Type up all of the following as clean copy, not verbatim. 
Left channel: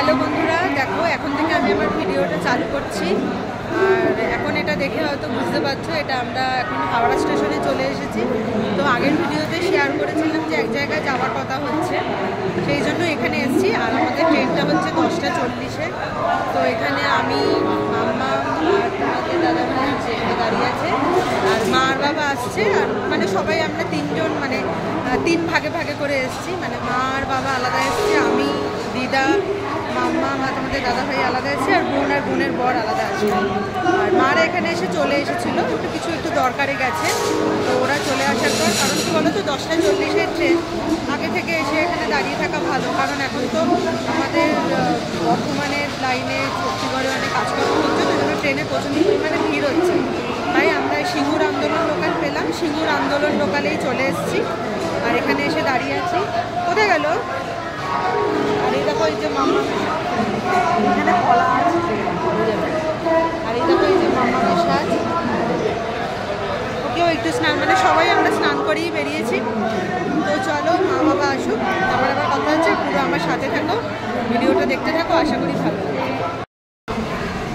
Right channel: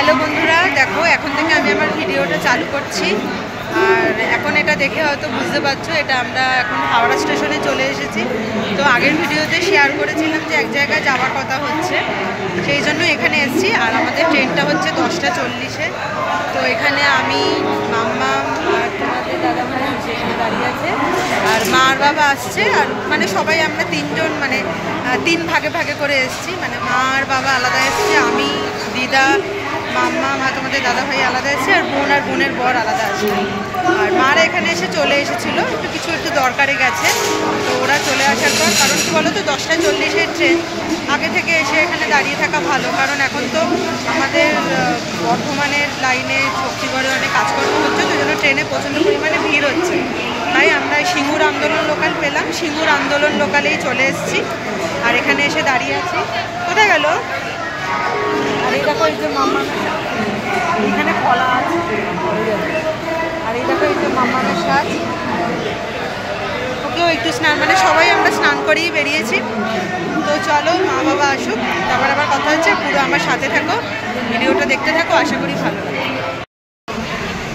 Hello বন্ধুরা, দেখো এখন থেকে আমি আমার ভিডিওটা চালু করছি। আর এখন এটা দেখে হয়তো বুঝতে পারছো, এটা আমরা এখন হাওড়া স্টেশনে চলে এসেছি। তো আগের ভিডিওতে শেয়ার করেছিলাম যে এক জায়গায় যাওয়ার কথা হচ্ছে, সেই জন্য এখানে এসেছি। আর আমাদের ট্রেনটা হচ্ছে 10টা 40-এ। তো এখানে আমি, মাম্মা আর তোমাদের দাদাভাই দাঁড়িয়ে আছে, আর মা আর বাবা আসছে। আর মানে সবাই আমরা তিনজন, মানে 3 ভাগে ভাগে করে এসেছি। মানে মা আর বাবা আলাদা এসছে, আমি, দিদা, মাম্মা, তোমাদের দাদাভাই আলাদা এসেছে, আর বোন আর বোনের বর আলাদা আসছে। আর মারা এখানে এসে চলে এসেছিলো, একটু দরকারে গেছে। তো ওরা চলে আসার পর, কারণ কি বলো তো, 10টা 40-এর ট্রেন, আগে থেকে এসে এখানে দাঁড়িয়ে থাকা ভালো। কারণ এখন তো আমাদের বর্ধমানের লাইনে শক্তিগড়ে অনেক কাজকর্ম হচ্ছে, তো জন্য ট্রেনে প্রচণ্ড পরিমাণে ভিড় হচ্ছে। তাই আমরা সিঙ্গুর আন্দোলন লোকাল পেলাম, সিঙ্গুর আন্দোলন লোকালেই চলে এসেছি। আর এখানে এসে দাঁড়িয়ে আছি। কোথায় গেল? আর এই দেখো, এই যে মাম্মা, এখানে কলা আছে। আর এই দেখো, এই যে মাম্মাদের সাজ, ওকেও একটু স্নান, মানে সবাই আমরা স্নান করেই বেরিয়েছি। তো চলো, মা বাবা আসুক, তারপর আবার কথা হচ্ছে। পুরো আমার সাথে থাকো, ভিডিওটা দেখতে থাকো, আশা করি ভালো লাগে।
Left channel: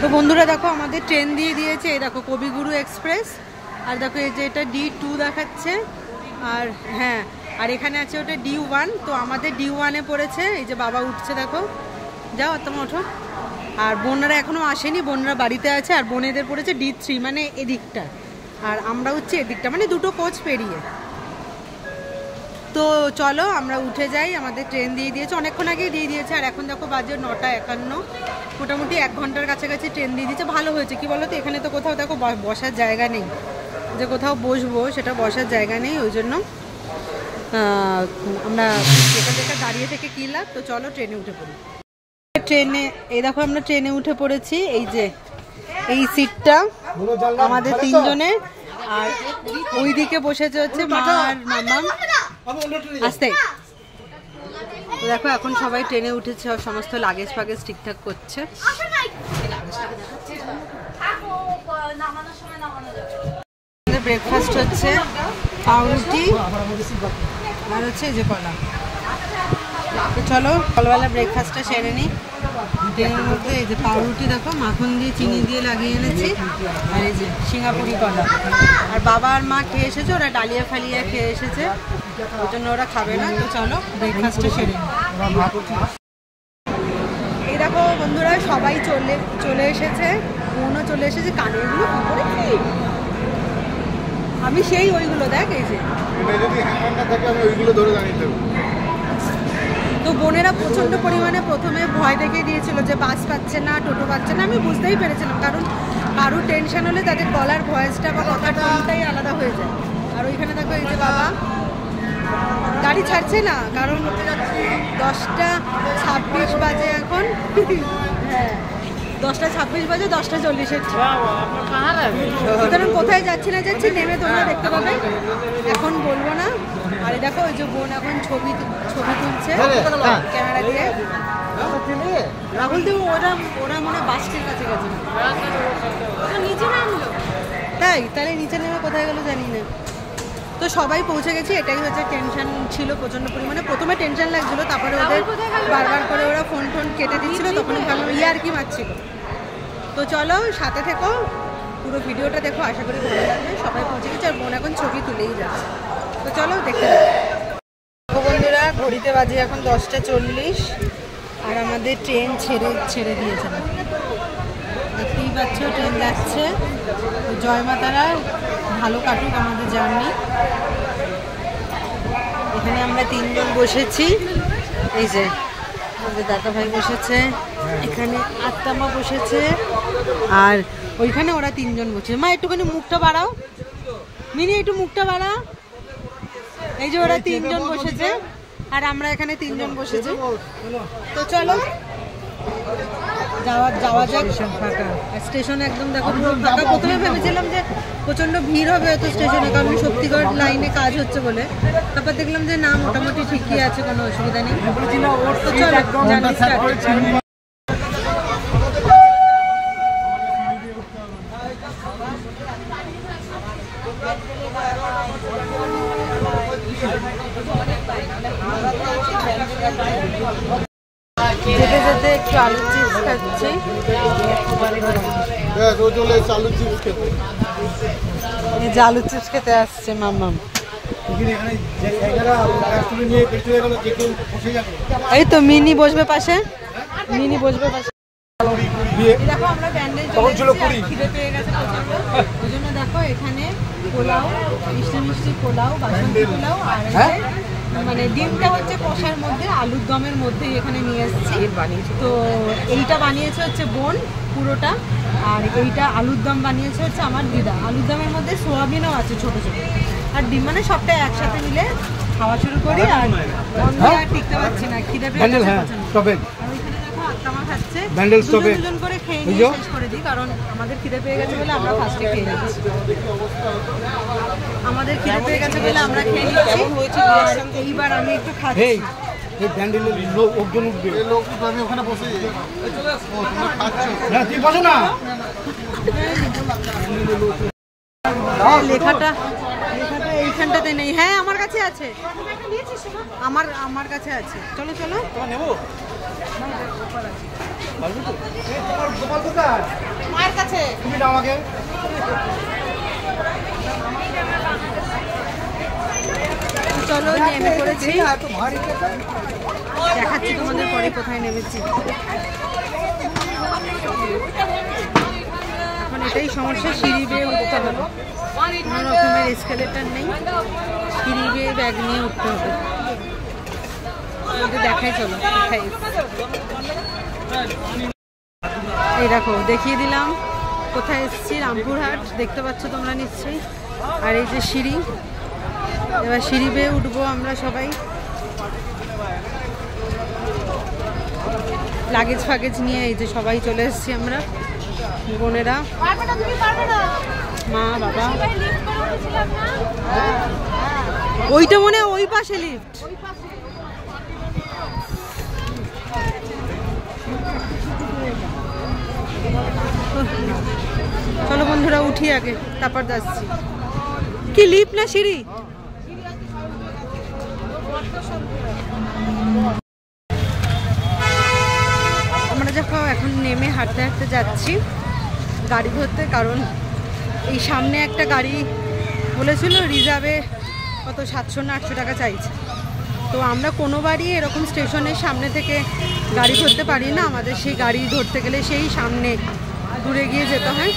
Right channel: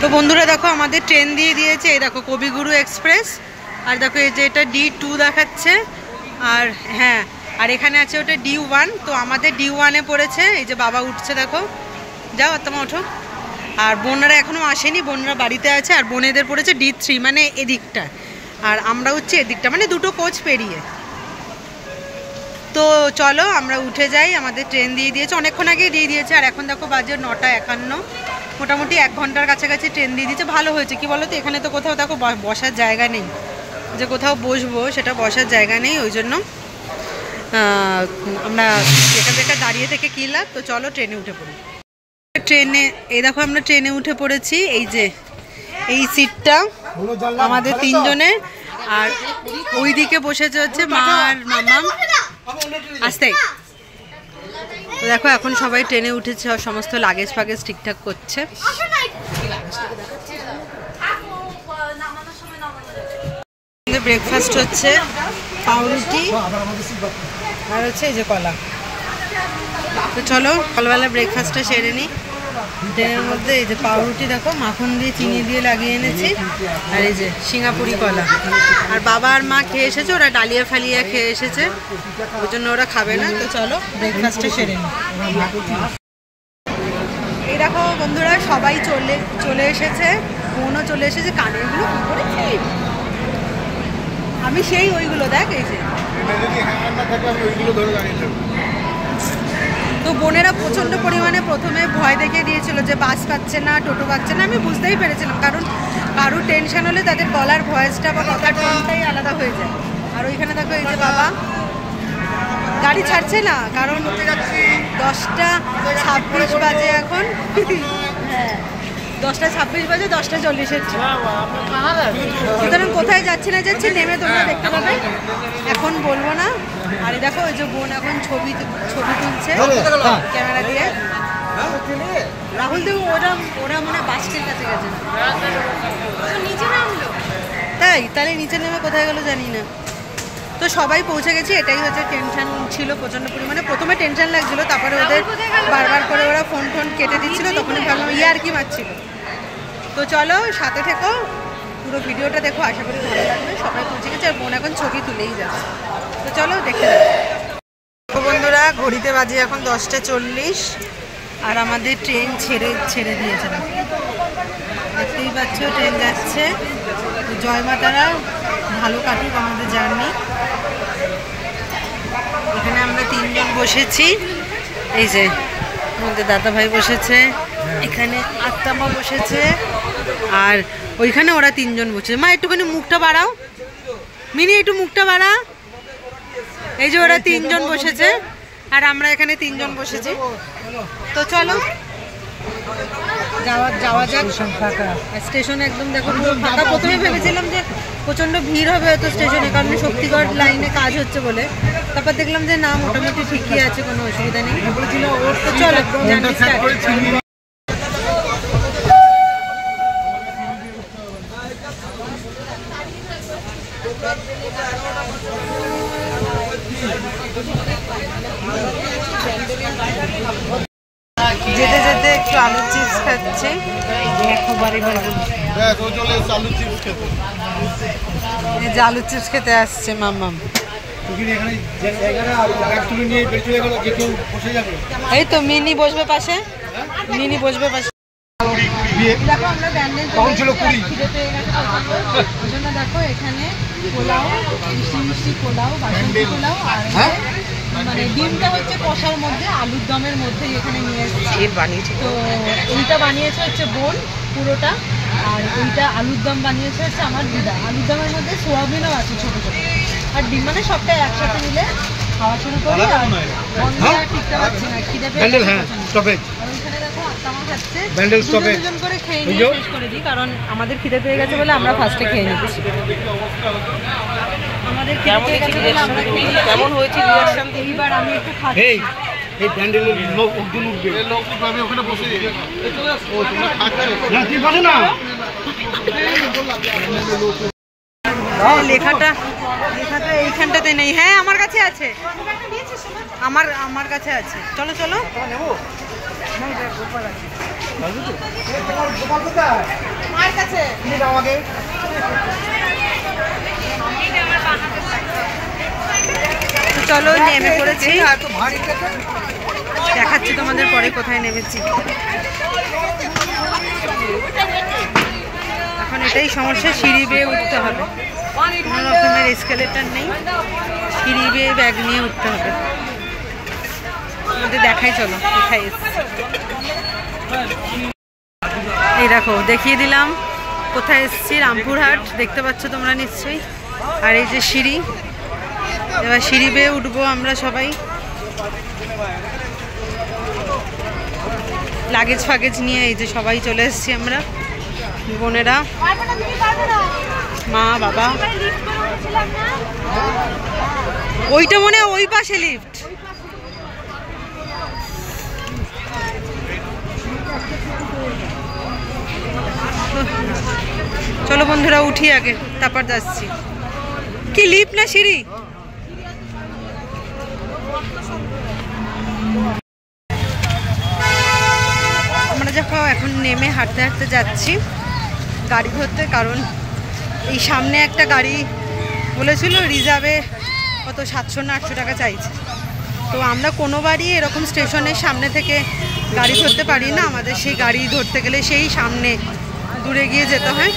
তো বন্ধুরা দেখো, আমাদের ট্রেন দিয়ে দিয়েছে। এই দেখো কবিগুরু এক্সপ্রেস। আর দেখো এই যে এটা D2 দেখাচ্ছে। আর হ্যাঁ, আর এখানে আছে ওটা D1। তো আমাদের D1-এ পড়েছে। এই যে বাবা উঠছে, দেখো, যাও তোমার ওঠো। আর বোনরা এখনও আসেনি, বোনরা বাড়িতে আছে। আর বোনেদের পড়েছে D3, মানে এদিকটা। আর আমরা হচ্ছে এদিকটা, মানে দুটো কোচ পেরিয়ে। তো চলো আমরা উঠে যাই। আমাদের ট্রেন দিয়ে দিয়েছে, অনেকক্ষণ আগেই দিয়ে দিয়েছে। আর এখন দেখো বাজে 9:51, মোটামুটি 1 ঘন্টার কাছাকাছি ট্রেন দিয়ে দিয়েছে। ভালো হয়েছে, কি বলো তো, এখানে তো কোথাও দেখো বসার জায়গা নেই, যে কোথাও বসবো সেটা বসার জায়গা নেই। ওই জন্য আমরা এখানে দাঁড়িয়ে থেকে কী লাভ। তো চলো ট্রেনে উঠে পড়ি। ট্রেনে, এই দেখো আমরা ট্রেনে উঠে পড়েছি। এই যে এই সিটটা আমাদের 3 জনের। আর ওই দিকে বসেছে হচ্ছে মা আর মাম্মা। আসতে তো দেখো, এখন সবাই ট্রেনে উঠেছে, সমস্ত লাগেজ ফাগেজ ঠিকঠাক করছে। ব্রেকফাস্ট হচ্ছে পাউরুটি আর হচ্ছে এই যে কলা। তো চলো সকালবেলা ব্রেকফাস্টটা সেরে নিই। ট্রেনের মধ্যে এই যে পাউরুটি দেখো, মাখন দিয়ে চিনি দিয়ে লাগিয়ে এনেছি। আর এই যে সিঙ্গাপুরি কলা। আর বাবা আর মা খেয়ে এসেছে, ওরা ডালিয়া ফালিয়া খেয়ে এসেছে, ওই জন্য ওরা খাবে না। তো চলো ব্রেকফাস্টটা সেরে নিই। এই দেখো বন্ধুরা, সবাই চলে এসেছে, বোনও চলে এসেছে। কানে এগুলো কী করেছি আমি, সেই ওইগুলো দেখ, এই যে। তো বোনেরা প্রচণ্ড পরিমাণে প্রথমে ভয় দেখিয়ে দিয়েছিল যে বাস পাচ্ছে না, টোটো পাচ্ছে না। আমি বুঝতেই পেরেছিলাম, কারণ কারুর টেনশন হলে তাদের গলার ভয়েসটা বা কথার টোনটাই আলাদা হয়ে যায়। আর ওইখানে দেখো এই যে বাবা গাড়ি ছাড়ছে না, কারণ 10:26 বাজে এখন। হ্যাঁ, 10:26 বাজে, 10:40-এর ট্রেন। সুতরাং কোথায় যাচ্ছি না যাচ্ছি নেমে তোমরা দেখতে পাবে, এখন বলবো না। আর দেখো ওই যে বোন এখন ছবি তুলছে ক্যামেরা দিয়ে। রাহুল দেব, ওরা মনে হয় বাসটির কাছে গেছে না, নিচে নামলো। তাহলে নিচে নেমে কোথায় গেলো জানি না। তো সবাই পৌঁছে গেছি। এটাই হচ্ছে, টেনশন ছিল প্রচণ্ড পরিমাণে। প্রথমে টেনশন লাগছিল, তারপরে ওদের বারবার করে ওরা ফোন কেটে দিচ্ছিল, তখনই ভাবলাম ইয়ার্কি মারছিল। তো চলো সাথে থেকো, পুরো ভিডিওটা দেখো, আশা করি ভালো লাগবে। সবাই পৌঁছে গেছে, আর বোন এখন ছবি তুলেই যাচ্ছে। তো চলো দেখতে দেখো বন্ধুরা, ঘড়িতে বাজে এখন 10:40। আর আমাদের ট্রেন ছেড়ে দিয়েছে, দেখতেই পাচ্ছ ট্রেন যাচ্ছে। জয় মাতারা, ভালো কাটুক আমাদের জার্নি। এখানে আমরা 3 জন বসেছি। এই যে আমাদের দাদা ভাই বসেছে, এখানে আত্মামা বসেছে, আর ওইখানে ওরা 3 জন বসেছে। মা একটুখানি মুখটা বাড়াও, মিনি একটু মুখটা বাড়া। এই যে ওরা 3 জন বসেছে, আর আমরা এখানে 3 জন বসেছি। তো চলো যাওয়া যাক। স্টেশন একদম দেখো ফাঁকা। প্রথমে ভেবেছিলাম যে প্রচণ্ড ভিড় হবে হয়তো স্টেশনে, কারণ শক্তিগড় লাইনে কাজ হচ্ছে বলে। তারপর দেখলাম যে না, মোটামুটি ঠিকই আছে, কোনো অসুবিধা নেই। চলো যেতে যেতে একটু আলু চিপস খাচ্ছে। এই যে আলু চিপস খেতে আসছে মাম্মাম। এই তো মিনি বসবে পাশে, মিনি বসবে পাশে। দেখো আমরা ব্যান্ডেল খিদে পেয়ে গেছে ওই জন্য দেখো এখানে পোলাও, মিষ্টি মিষ্টি পোলাও, বাসন্তী পোলাও আর মানে ডিমটা হচ্ছে কষার মধ্যে আলুর দমের মধ্যেই এখানে নিয়ে এসেছি বানিয়েছি। তো এইটা বানিয়েছে হচ্ছে বোন পুরোটা, আর এইটা আলুর দম বানিয়েছে হচ্ছে আমার দিদা। আলুর দমের মধ্যে সোয়াবিনও আছে ছোটো ছোটো, আর ডিম মানে সবটা একসাথে মিলে খাওয়া শুরু করি। আর বন্ধ আর টিকতে পারছি না, খিদে পেয়ে দুজন করে খেয়ে নিয়ে শেষ করে দিই, কারণ আমাদের খিদে পেয়ে গেছে বলে আমরা ফার্স্টে খেয়ে নিচ্ছি। আমাদের খিদে পেয়ে গেছে বলে আমরা খেয়ে নিচ্ছি। কেমন হয়েছে রিঅ্যাকশন? এইবার আমি একটু খাচ্ছি। এই ব্যান্ডেলের লোক একজন উঠবে, এই লোক আমি ওখানে বসে না তুই বসে না। লেখাটা এইখানটাতে নেই। হ্যাঁ আমার কাছে আছে, আমার কাছে আছে। চলো চলো চলো নেমে পড়েছি, দেখাচ্ছি তোমাদের পরে কোথায় নেমেছি। এখন এটাই সমস্যা, সিঁড়ি বেয়ে উঠতে হবে, কোনো রকমের এসকেলেটার নেই, সিঁড়ি বেয়ে ব্যাগ নিয়ে উঠতে হবে। আমাদের দেখাই চলো কোথায় এসছে। এই দেখো দেখিয়ে দিলাম কোথায় এসেছি, রামপুরহাট দেখতে পাচ্ছ তোমরা নিশ্চয়ই। আর এই যে সিঁড়ি, এবার সিঁড়ি বেয়ে উঠবো আমরা সবাই, লাগেজ ফাগেজ নিয়ে। এই যে সবাই চলে এসেছি আমরা, বোনেরা, মা বাবা। ওইটা মনে হয় ওই পাশে লিফট। চলো বন্ধুরা উঠি আগে, তারপর যাচ্ছি। কি লিফট না সিঁড়ি? আমরা যখন এখন নেমে হাঁটতে হাঁটতে যাচ্ছি গাড়ি ধরতে, কারণ এই সামনে একটা গাড়ি বলেছিল রিজার্ভে কত 700 না 800 টাকা চাইছে। তো আমরা কোনোবারই এরকম স্টেশনের সামনে থেকে গাড়ি ধরতে পারি না, আমাদের সেই গাড়ি ধরতে গেলে সেই সামনে দূরে গিয়ে যেতে হয়।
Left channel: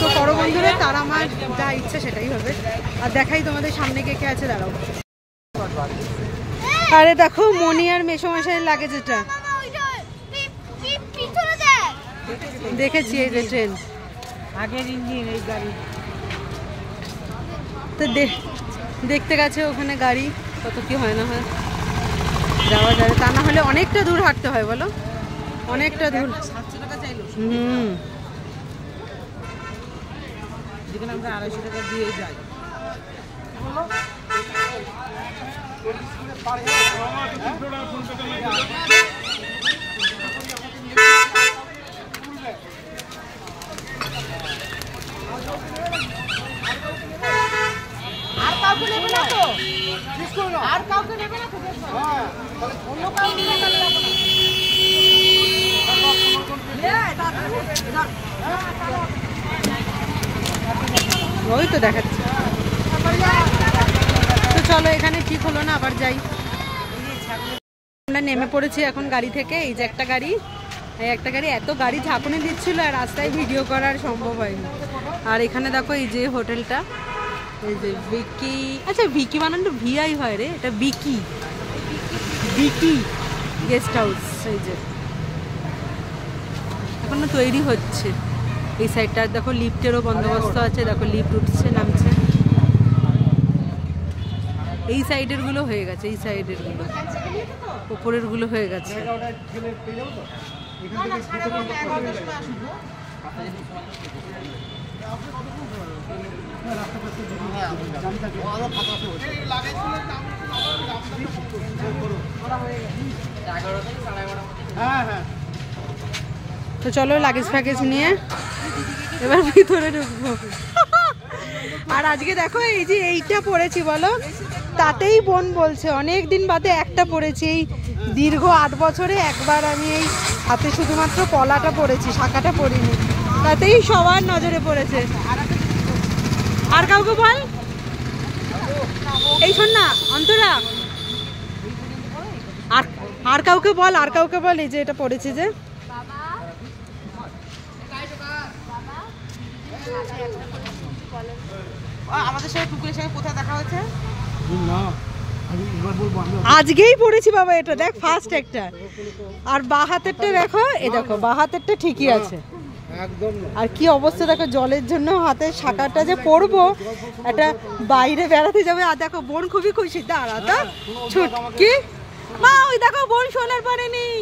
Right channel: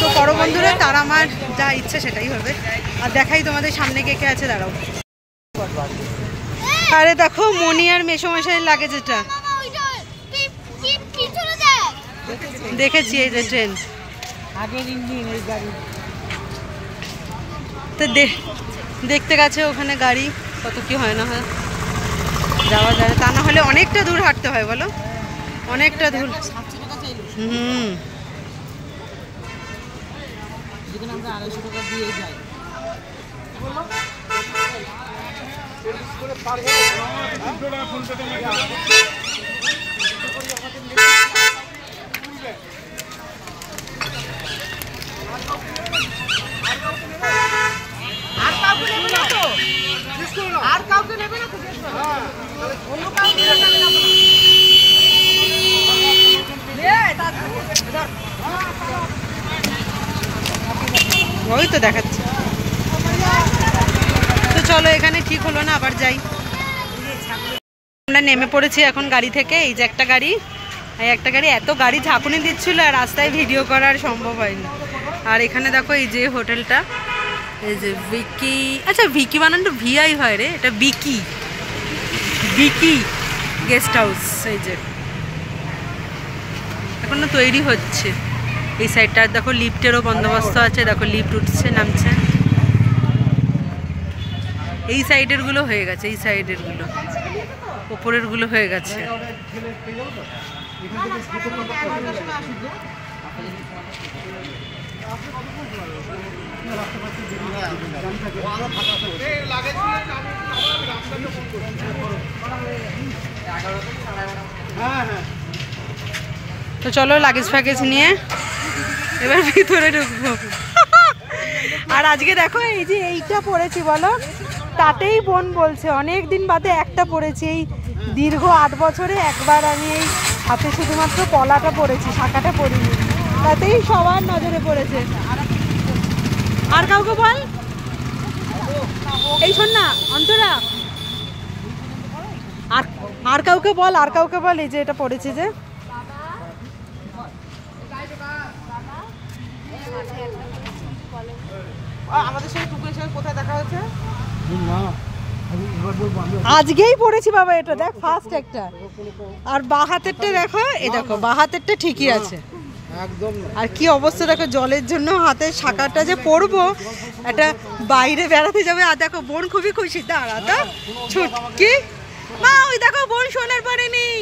তো করো বন্ধুরা, তার আমার যা ইচ্ছে সেটাই হবে। আর দেখাই তোমাদের সামনে কে কে আছে, দাঁড়াও। আরে দেখো মনি আর মেসোমশাইয়ের লাগে যেটা দেখেছি, এই যে ট্রেন আগের ইঞ্জিন এই গাড়ি। তো দেখতে গেছে ওখানে গাড়ি, কত কি হয় না হয়, যাওয়া যায়। তা না হলে অনেকটা দূর হাঁটতে হয় বলো, অনেকটা দূর। যেখানে আমরা 250 টাকা দিয়ে যাই। আর কাউকে নেবে না, ওই তো দেখাচ্ছে। তো চলো এখানে ঠিক হলো না, আবার যাই। আমরা নেমে পড়েছি এখন গাড়ি থেকে। এই যে একটা গাড়ি, এত গাড়ি ঝাঁকুনি দিচ্ছিল আর রাস্তায় ভিডিও করার সম্ভব হয়নি। আর এখানে দেখো এই যে হোটেলটা, এই যে ভিকি, আচ্ছা ভিকি বানানটা ভিআই হয় রে, এটা বিকি গেস্ট হাউস। এই যে এখনো তৈরি হচ্ছে এই সাইডটা। দেখো লিফটেরও বন্দোবস্ত আছে, দেখো লিফট উঠছে নামছে। এই সাইডের গুলো হয়ে গেছে, এই সাইডের গুলো, উপরের গুলো হয়ে গেছে। তো চলো লাগেজ ফ্যাগেজ নিয়ে এবার ভিতরে ঢুকবো। আর আজকে দেখো এই যে এইটা পরেছি বলো, তাতেই বোন বলছে অনেক দিন বাদে একটা পরেছি, এই দীর্ঘ 8 বছরে একবার আমি এই হাতে শুধুমাত্র পলাটা পরেছি, শাখাটা পরিনি, তাতেই সবার নজরে পড়েছে। আর কাউকে বল, এই শোন না অন্তরা, আর কাউকে বল, আর কাউকে বল এই যে এটা পড়েছে যে। আমাদের সাথে টুকুরের সাথে কোথায় দেখা হচ্ছে? আজকেই পড়েছি বাবা এটা, দেখ ফার্স্ট একটা। আর বাঁ হাতেরটা দেখো, এই দেখো বাঁ হাতেরটা ঠিকই আছে একদম। আর কি অবস্থা দেখো, জলের জন্য হাতের শাখাটা যে পরবো, এটা বাইরে বেড়াতে যাবে। আর দেখো বোন খুবই খুশি, দাঁড়া তো ছুটকি মা, ওই দেখো বোন সোনার পরে নেই।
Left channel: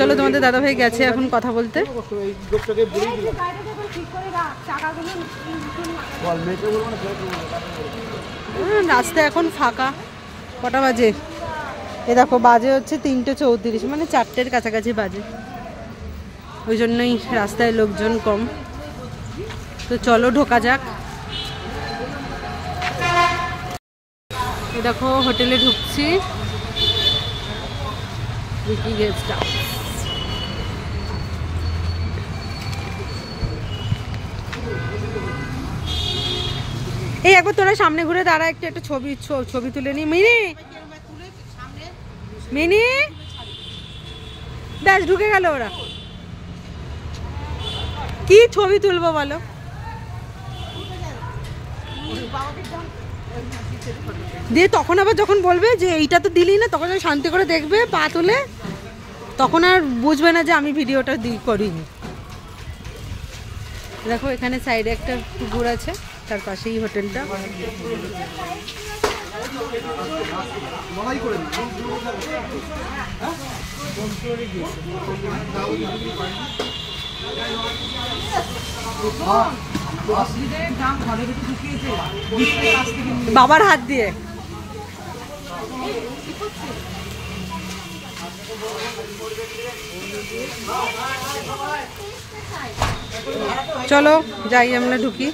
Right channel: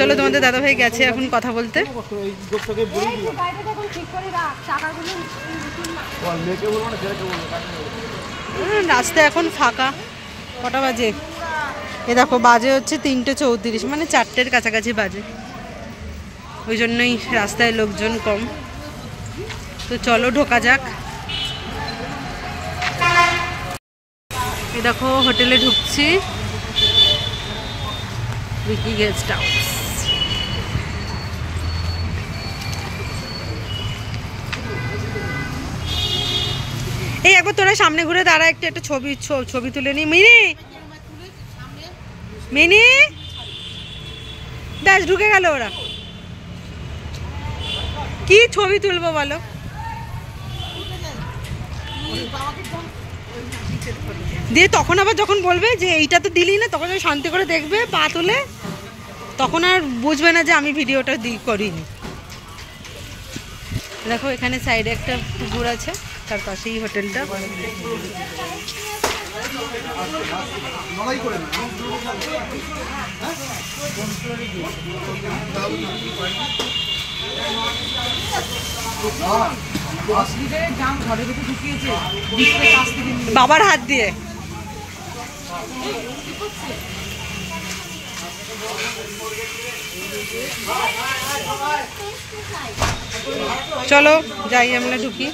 চলো তোমাদের দাদা ভাই গেছে এখন কথা বলতে। রাস্তা এখন ফাঁকা, কটা বাজে এ দেখো, বাজে হচ্ছে 3:34, মানে 4টের কাছাকাছি বাজে, ওই জন্যই রাস্তায় লোকজন কম। তো চলো ঢোকা যাক। এই দেখো হোটেলে ঢুকছি, উইকি গেস্ট হাউস। এই একবার তোরা সামনে ঘুরে দাঁড়া, একটা ছবি তুলে নি। মিনি মিনি ব্যাস ঢুকে গেল ওরা, কি ছবি তুলবো বলো? দিয়ে তখন আবার যখন বলবে যে এইটা তো দিলি না, তখন শান্তি করে দেখবে পা তুলে, তখন আর বুঝবে না যে আমি ভিডিওটা করিনি। দেখো এখানে সাইডে একটা পুকুর আছে, তার পাশেই হোটেলটা। বাবার হাত দিয়ে চলো যাই, আমরা ঢুকি।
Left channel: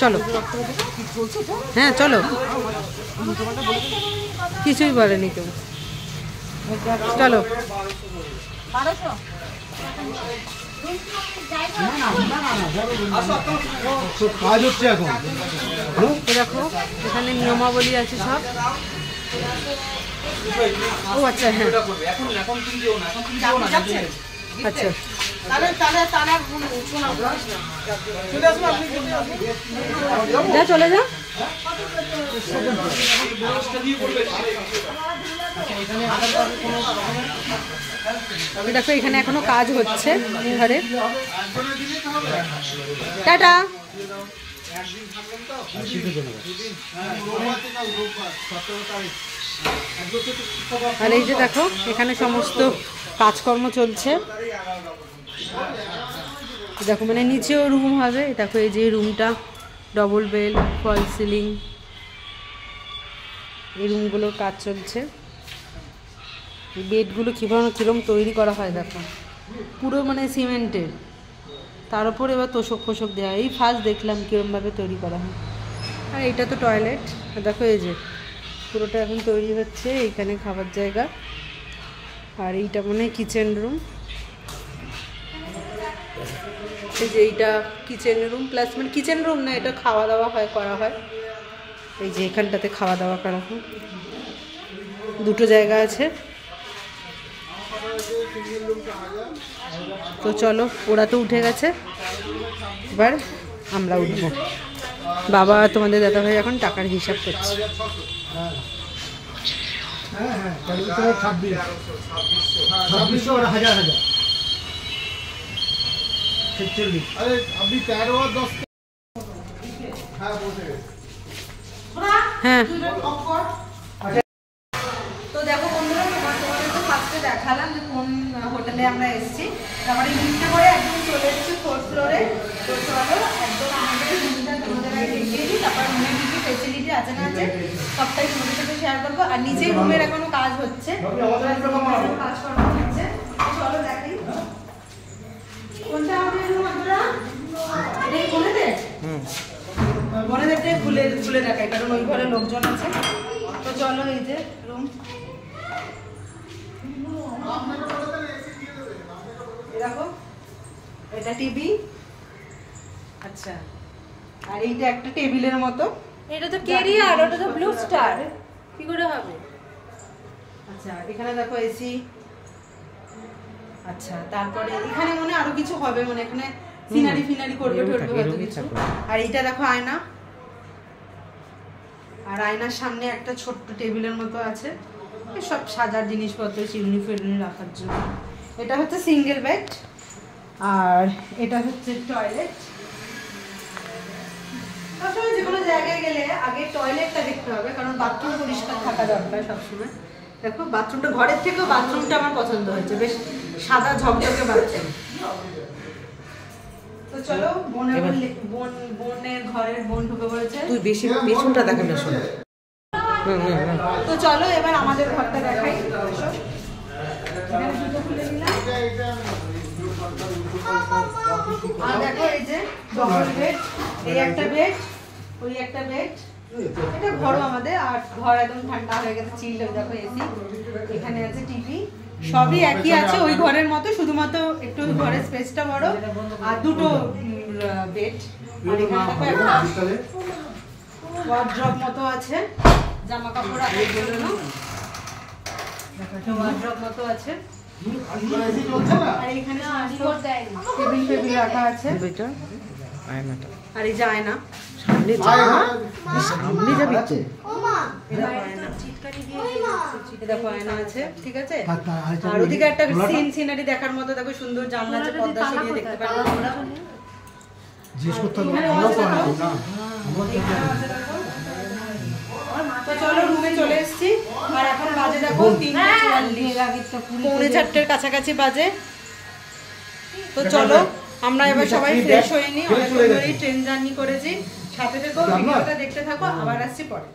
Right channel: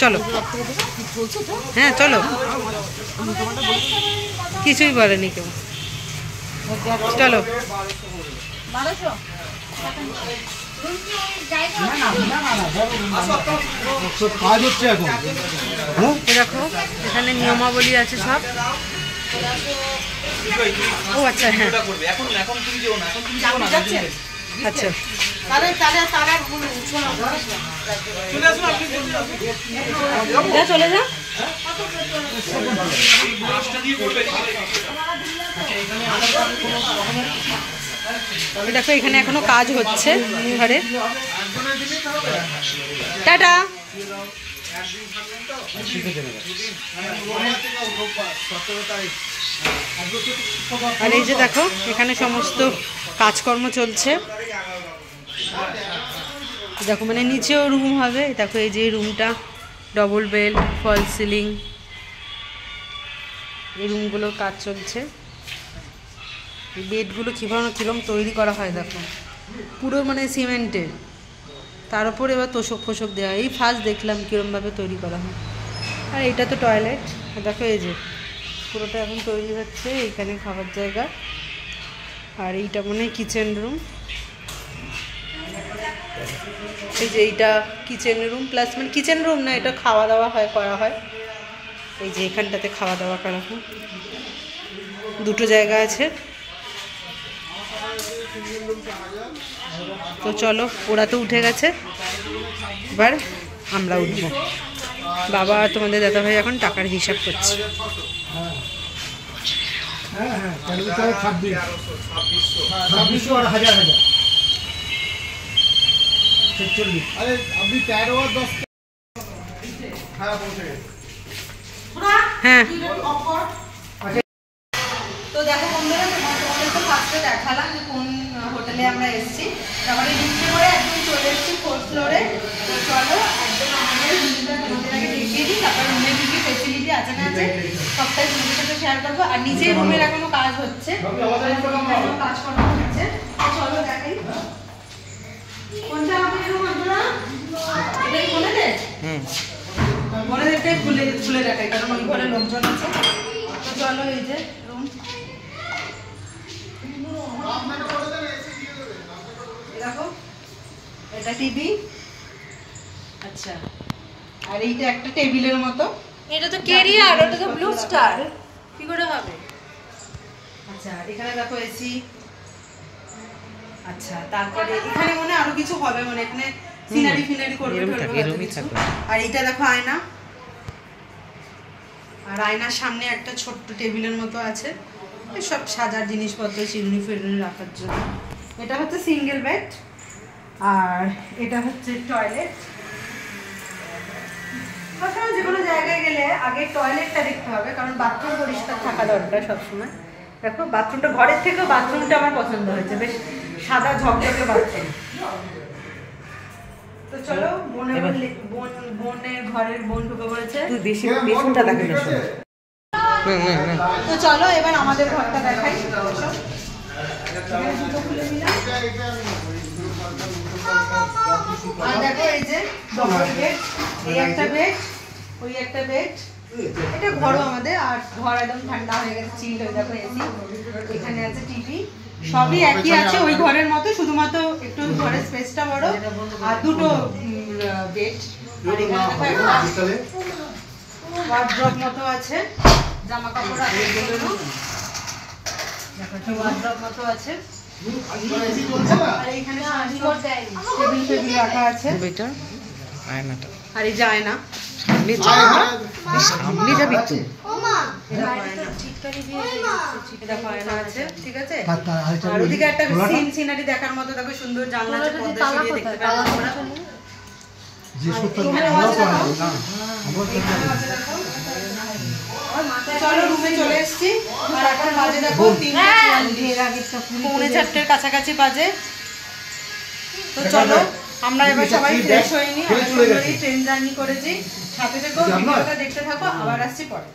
চলো হ্যাঁ চলো, কিছুই বলেনি কেউ, চলো। দেখো এখানে নিয়মাবলী আছে সব। ও আচ্ছা হ্যাঁ আচ্ছা, চলে যা। দেখো এখানে এখনো কাজ হচ্ছে ঘরে। টাটা। আর এই যে দেখো এখানে সমস্ত কাজকর্ম চলছে। দেখো মানে নিচেও রুম হবে, দেখো এই যে রুমটা, ডবল বেড, ফল সিলিং, এই রুমগুলোর কাজ চলছে। বেডগুলো কীরকম তৈরি করা হয় দেখো, পুরো মানে সিমেন্টের, তার উপর এবার তোষক ফোষক দেওয়া। এই ফার্স্ট দেখলাম কীরকমভাবে তৈরি করা হয়। আর এইটা তো টয়লেট, দেখো এই যে পুরোটা এখন তৈরি হচ্ছে, এইখানে খাবার জায়গা। আর এইটা মনে হয় কিচেন রুম, এই যে এইটা কিচেন রুম প্লাস, মানে কিচেন রুম না, এটা খাওয়া দাওয়া করা হয়। এই যে এখানটাতে খাওয়া দাওয়া করা হয়, দুটো জায়গা আছে। তো চলো, ওরা তো উঠে গেছে, এবার আমরা উঠবো। বাবা তোমাদের দাদা ভাই এখন টাকার হিসাব করছে। হ্যাঁ তো দেখো বন্ধুরা, তোমাদের তো ফার্স্টে দেখালাম যে কোন হোটেলে আমরা এসেছি, তারপরে লিফটে করে একদম চলে এসেছি 4th ফ্লোরে। তো চলো একদম আমাদের রুমটা তোমাদের আগে দেখিয়ে দিই, তারপর রুমে ঢুকি। ফেসিলিটি আছে না আছে সবটাই তোমাদের সাথে শেয়ার করবো। আর নিচেই রুমের এখনো কাজ হচ্ছে, কাজকর্ম হচ্ছে, চলো দেখাই। কোনটা হবে রুম আপনারা? এটাই বলে দে, মনে দেখতে খুলে দেখাই, কারণ ওই ঘরে লোকজন আছে। তো চলো এই যে রুম, দেখো এটা টিভি, আচ্ছা, আর এইটা একটা টেবিলের মতো। এটা তো কেরিয়ার, ওটা তো ব্লু স্টার, কি করে হবে? আচ্ছা এখানে দেখো এসি, আচ্ছা তারপরে এখানে মনে আরো কিছু হবে, মানে এখানে সিনারি ফিনারি করবে। আর এইটা দেখো আয়না, আর আয়নার সামনে একটা ছোট্ট টেবিলের মতো আছে, সব সাজার জিনিসপত্র চিরুনি ফিরুনি রাখার জন্য। এটা হচ্ছে সিঙ্গেল বেড, আর এটা হচ্ছে টয়লেট। আপনারা যে কোনো জায়গায় গেলে আগে টয়লেটটা দেখতে হবে, কারণ বাথরুম পরিষ্কার থাকা দরকার সবসময়। দেখো বাথরুমটা ঘরের থেকেও বাথরুমটা আমার পছন্দ হয়েছে, বেশ সাদা ঝকঝকে বাথরুম। তো চলো বোনের ঘরের বোন ঢুকে পড়েছে, তুই বেশি পেছনটা দেখে না। তো চলো এবার আমাদের ঘরটা দেখাই। দুটো খুলে দিলাম, দেখো এই যে ডবল বেড, এই একটা বেড, ওই একটা বেড। এটা ঘরও আমাদের, আর ঘর একদম ঠান্ডা হয়ে গেছে, চিল হয়ে দেখো এসি। এখানে আছে টিভি, সবই একই আছে ওই ঘরের মতো, শুধুমাত্র একটু ঘরের স্পেসটা বড়, আর দুটো বেড। আর এখানে দেখো একটা ওয়ার্ড্রপ মতো আছে, জামা কাপড় রাখার জন্য। দেখো একটা ওয়ার্ড্রপ মতো আছে, আর এইখানে টেবিল টেবিল রাখা আছে, আয়নাটা, আর এই যে আয়না সামনে যাবি তো, দেখো আয়না আছে, ঠিক আছে। আর ওদিকে একটা সিনারি দেখার মতো, দেখো সুন্দর জানলা আছে, পর্দা সরিয়ে দেখতে পারবো আমরা। চলো রুমে চলে এসেছি, আর এখন বাজে দেখো 3:44, কাছাকাছি বাজে। তো চলো আমরা এবার সবাই ফ্রেশ হয়ে নিই, ট্রেন জার্নি করেছি। সাথে থেকো, ভিডিওটা দেখতে থাকো, আবার আসছি পরে।